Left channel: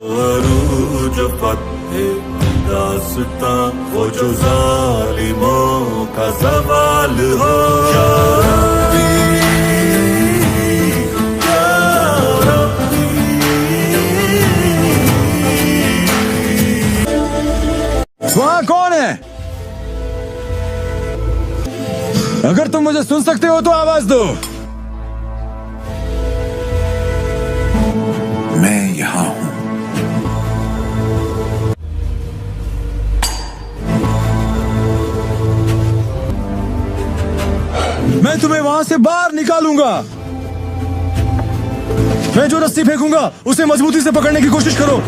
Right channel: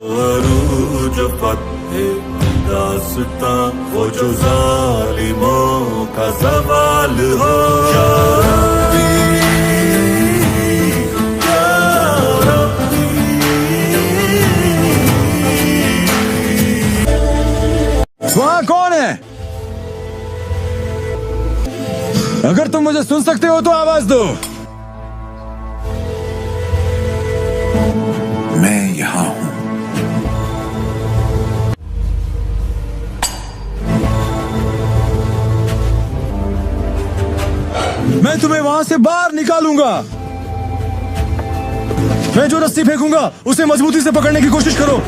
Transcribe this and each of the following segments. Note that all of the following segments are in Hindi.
अरूज फत्हे दास्ता वो जो जालिमों का सवाल हो या वहाँ कौन है? अगर तुम मुझे सुन सकते हो तो आवाज दो। मैं यहां हूं। मैं तुम्हें वहां से बाहर निकालूंगा। मैं जो रस्सी फेंकूंगा उसे मजबूती से पकड़ने की कोशिश करो।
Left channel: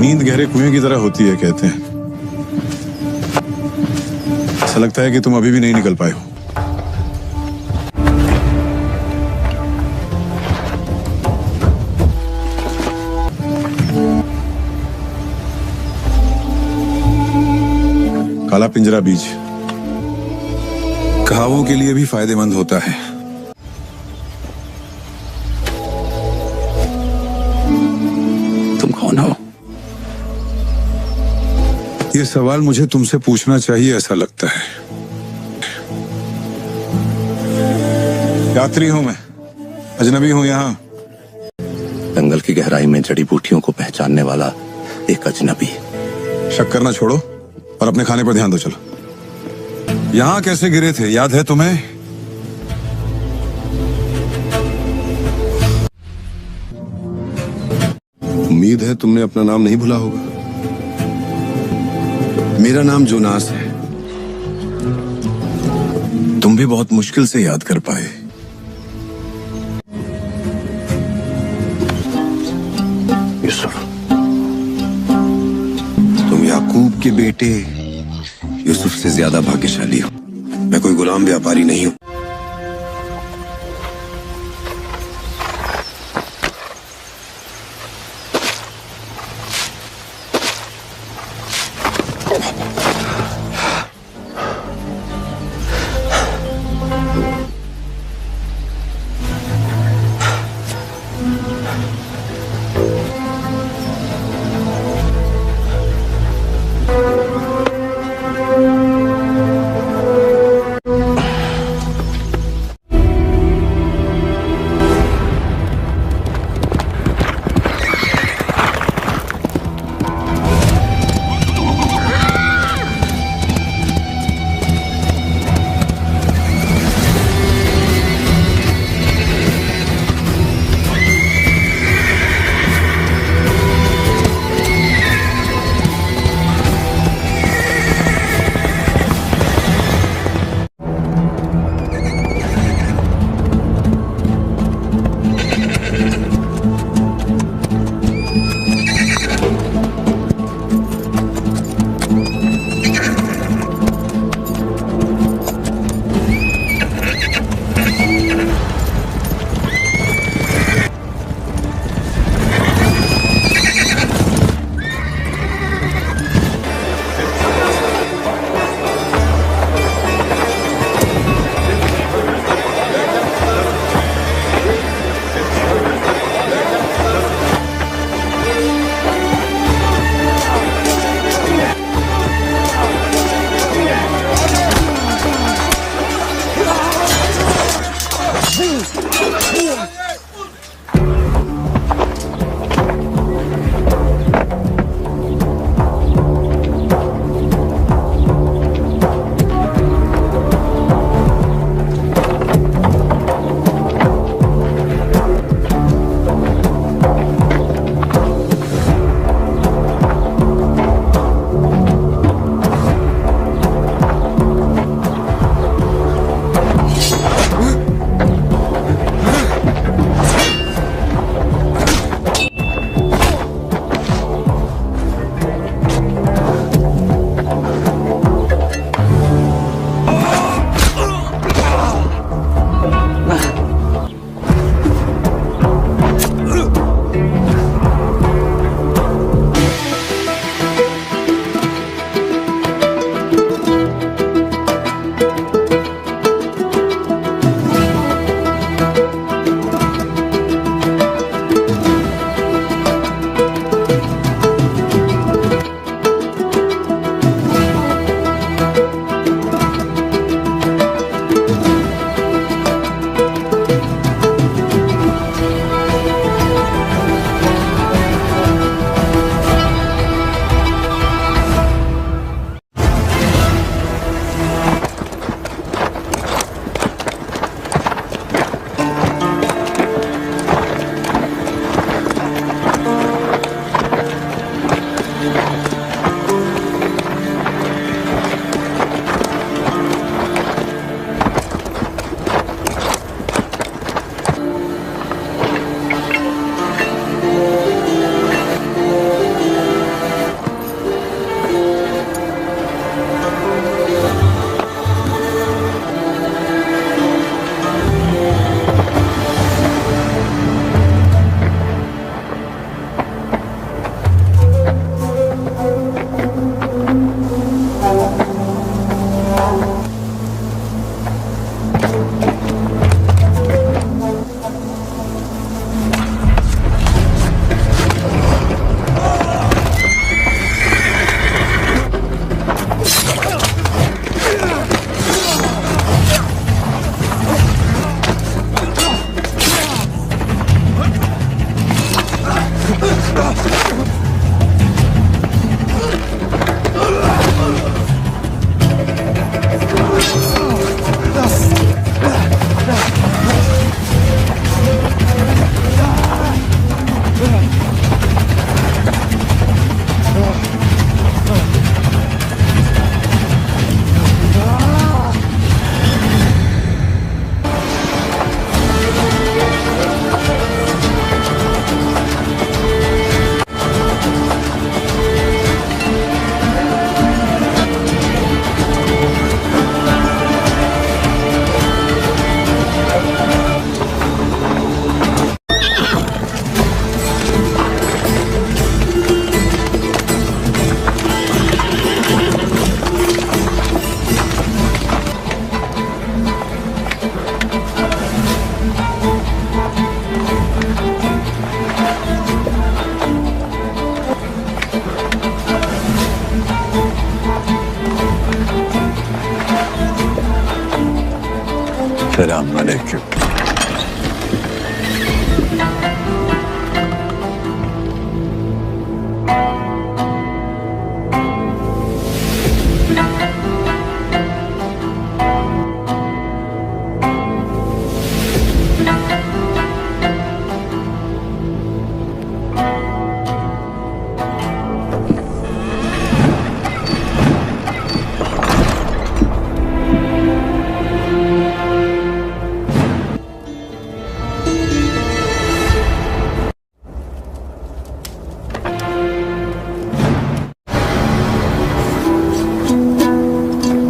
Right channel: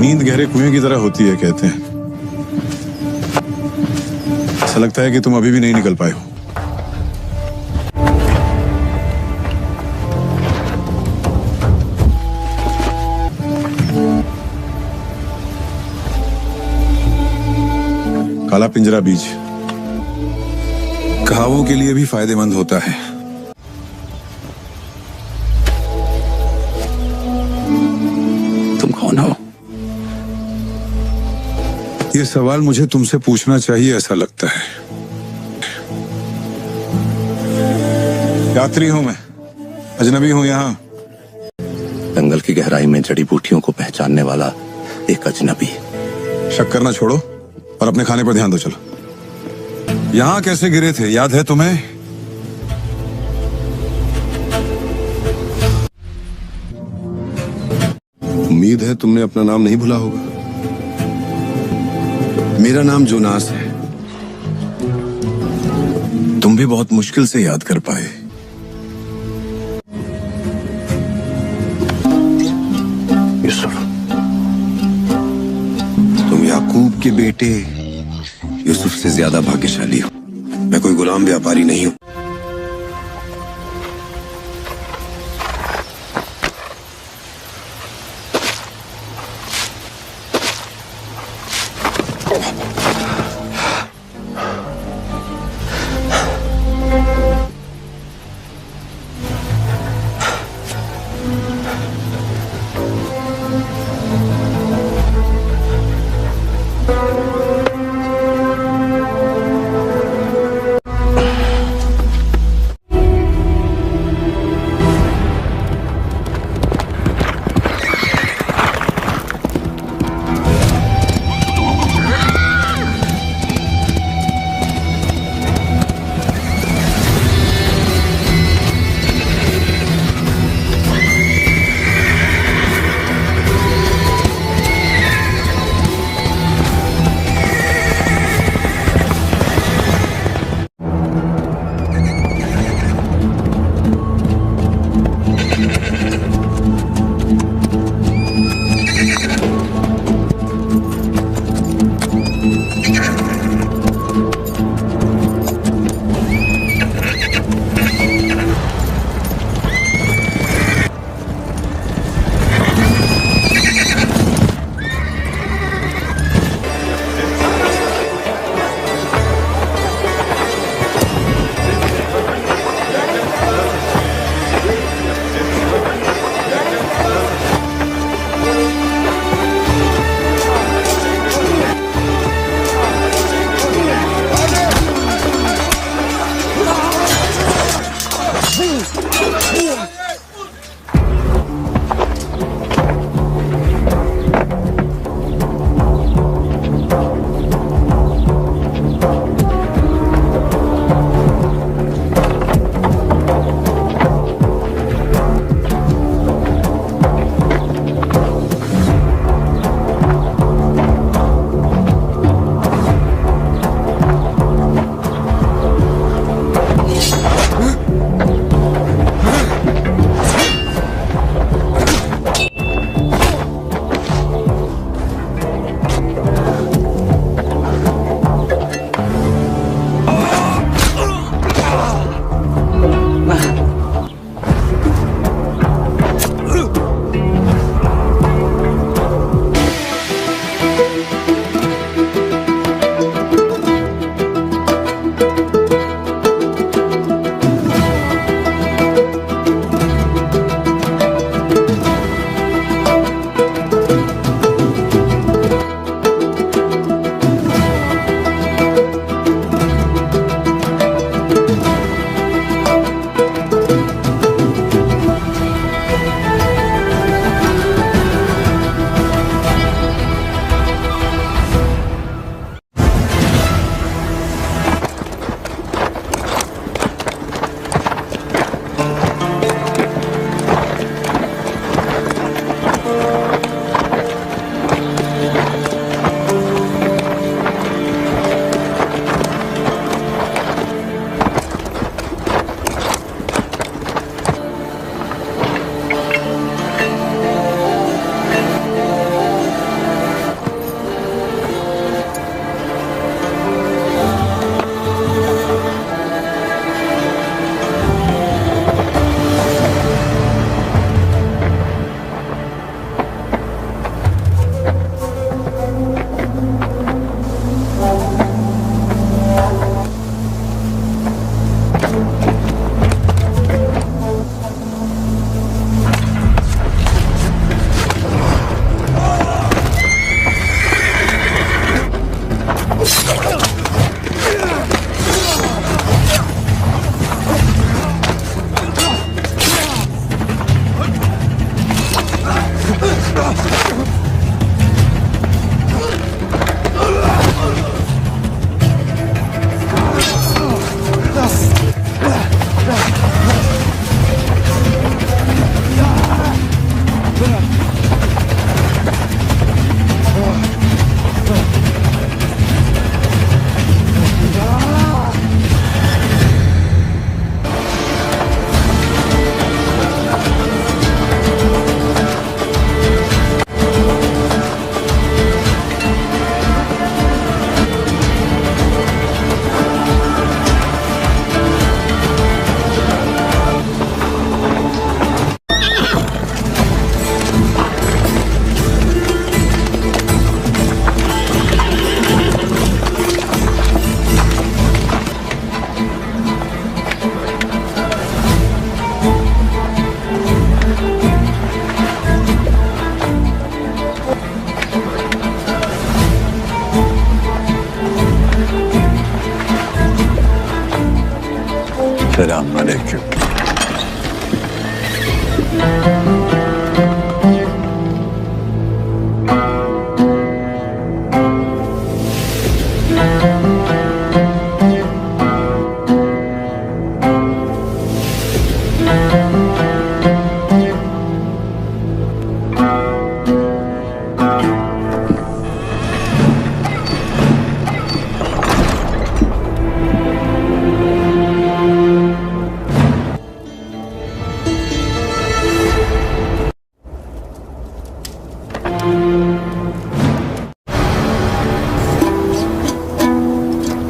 नींद गहरे कुएं की तरह होती है कहते हैं। ऐसा लगता है कि तुम अभी भी नहीं निकल पाए हो। काला पिंजरा बीज घावों के लिए भी फायदेमंद होता है। तुम कौन हो? ये सवाल मुझे तुमसे पूछना चाहिए ऐसा लगता है। यात्री हूं मैं, अजनबी हूं यहाँ। जंगल की गहराई में जड़ी बूटियों को पहचानने वाला एक अजनबी। शक करना छोड़ो और अपने खाने पर ध्यान दो। चलो। यहाँ कैसे गिरे थे याद है तुम्हें? उम्मीद है तुमने अपना नाम नहीं भूला होगा। मेरा नाम जोनास है। तुम भी बहुत मुश्किल से याद कर पाए। यूसुफ, तुम याकूब के बेटे यूसुफ से ज्यादा भाग्यशाली हो। मैं कोई गुलाम व्यापारी नहीं हूं। Selamünaleyküm.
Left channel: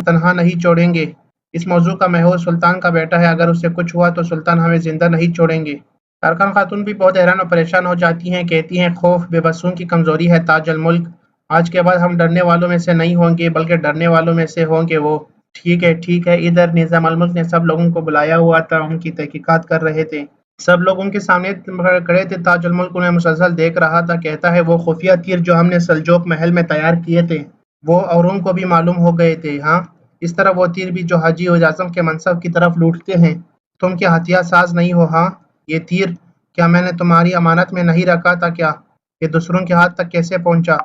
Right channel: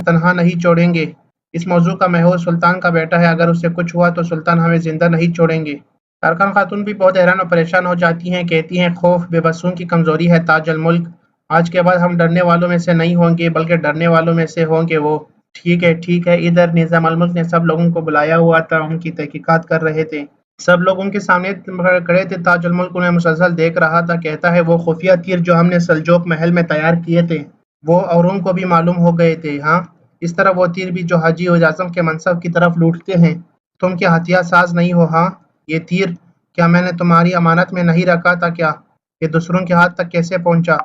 तनहा नहीं छोड़ेंगे। इस मौजू का महूर सुल्तान का बेटा है, अगर उससे कुछ हुआ तो सुल्तान हमें जिंदा नहीं छोड़ेंगे। कारखान खातून भी बहुत हैरान और परेशान हो जाती हैं, कहती हैं खौफ बेबसों की कमजोरी है ताज अल मुल्क। आज के बाद हम डरने वालों में से नहीं होंगे बल्कि डरने वालों में से होंगे वो। ठीक है। इधर निजाम अल मुल्क ने सब लोगों को बुलाया हुआ था, उनकी तहकीकात कर रहे थे। सब लोग उनके सामने खड़े थे। ताज अल मुल्क उन्हें मुसलसल देख रहा था। कहता है वो खुफिया तीर जो हमने सल्जोक महल में तैयार किए थे वो औरों को भी मालूम हो गए थे। हाँ, इस तरह वो तीर भी जो हाजी उल आजम के मनसब की तरफ लूटते हैं। तुम क्या हथियार साज नहीं हो? हाँ, ये तीर क्या मैंने तुम्हारी अमानत में नहीं रखा था क्या? ये दूसरों के हाथ तक कैसे पहुंचा?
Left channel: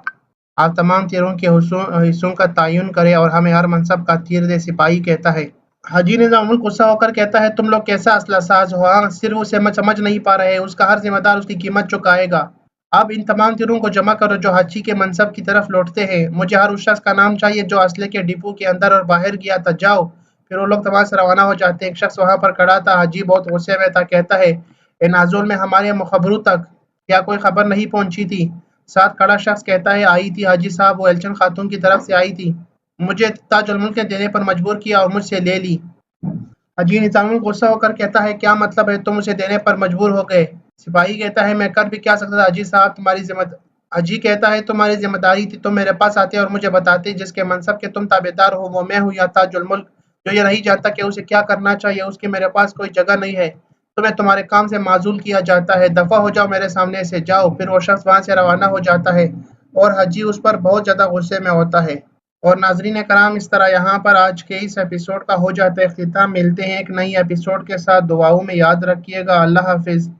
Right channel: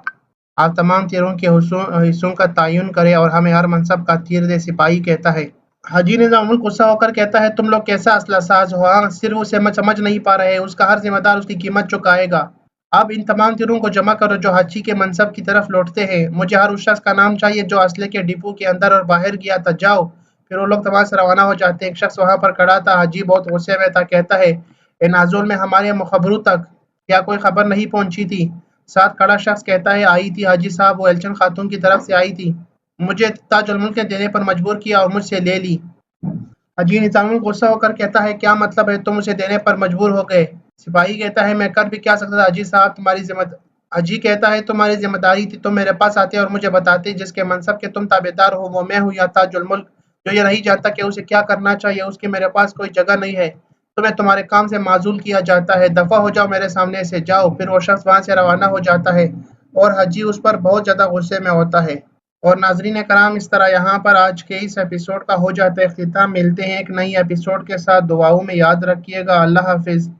आप तमाम तीरों के हिस्सों का तयन करें और हमें हर मनसब का तीर दे, सिपाही कहता है। हाजी निजामुल गुस्सा होकर कहता है तुम लोग कैसा असला साज हो? हाँ, सिर्फ उसे समझ नहीं पा रहे, उसका हर जिम्मेदार उसकी कीमत चुकाएगा। अब इन तमाम तीरों को जमा करो जो हाजी के मनसब की तरफ लौटते हैं। मुझे हर उस शख्स का नाम चाहिए जो असले के डिपो के अंदर और बाहर गया था। जाओ। फिर वो लोग तमाम से रवाना हो जाते हैं। एक शख्स वहां पर खड़ा था। हाजी बहुत गुस्से में था। कहता है ए नाजुल में हमारे मुखबरों तक क्या कोई खबर नहीं पहुंची थी? साथ खड़ा शख्स कहता है आई थी हाजी साहब, वो एलचन खातून की तरफ से आई थी। मुझे ताज अल मुल्क ने देने पर मजबूर किया और मुझसे ले ली। हाजी निजामुल गुस्सा होकर कहता है क्या मतलब है तुम उसे देने पर मजबूर हो गए? सिपाही कहता है मैं कर भी क्या सकता था हाजी साहब, हाजी कहता है तुम्हारी जिम्मेदारी थी, तुम मेरे पास आते और मुझे बताते जिसके मनसब के तुम ताबेदार हो वो मैं हूँ या ताज अल मुल्क जो ये नहीं जानता कि उसे क्या करना चाहिए, उसकी मेरे पास कोई जगह नहीं है। तुम्हें तुम्हारे काम से माजूल किया जाता है, दफा हो जाओ मेरे सामने से, जाओ। फिर वो शख्स वहां से रवाना हो जाता है और हाजी उस पर बहुत ज्यादा गुस्से में होता है। और नाजरीन कराम, इस तरह यहाँ पर आज के इस एपिसोड का हो जाता है इख्तिताम। मिलते हैं एक नई एपिसोड के साथ। दुआओं में याद रखिएगा। अल्लाह हाफिज।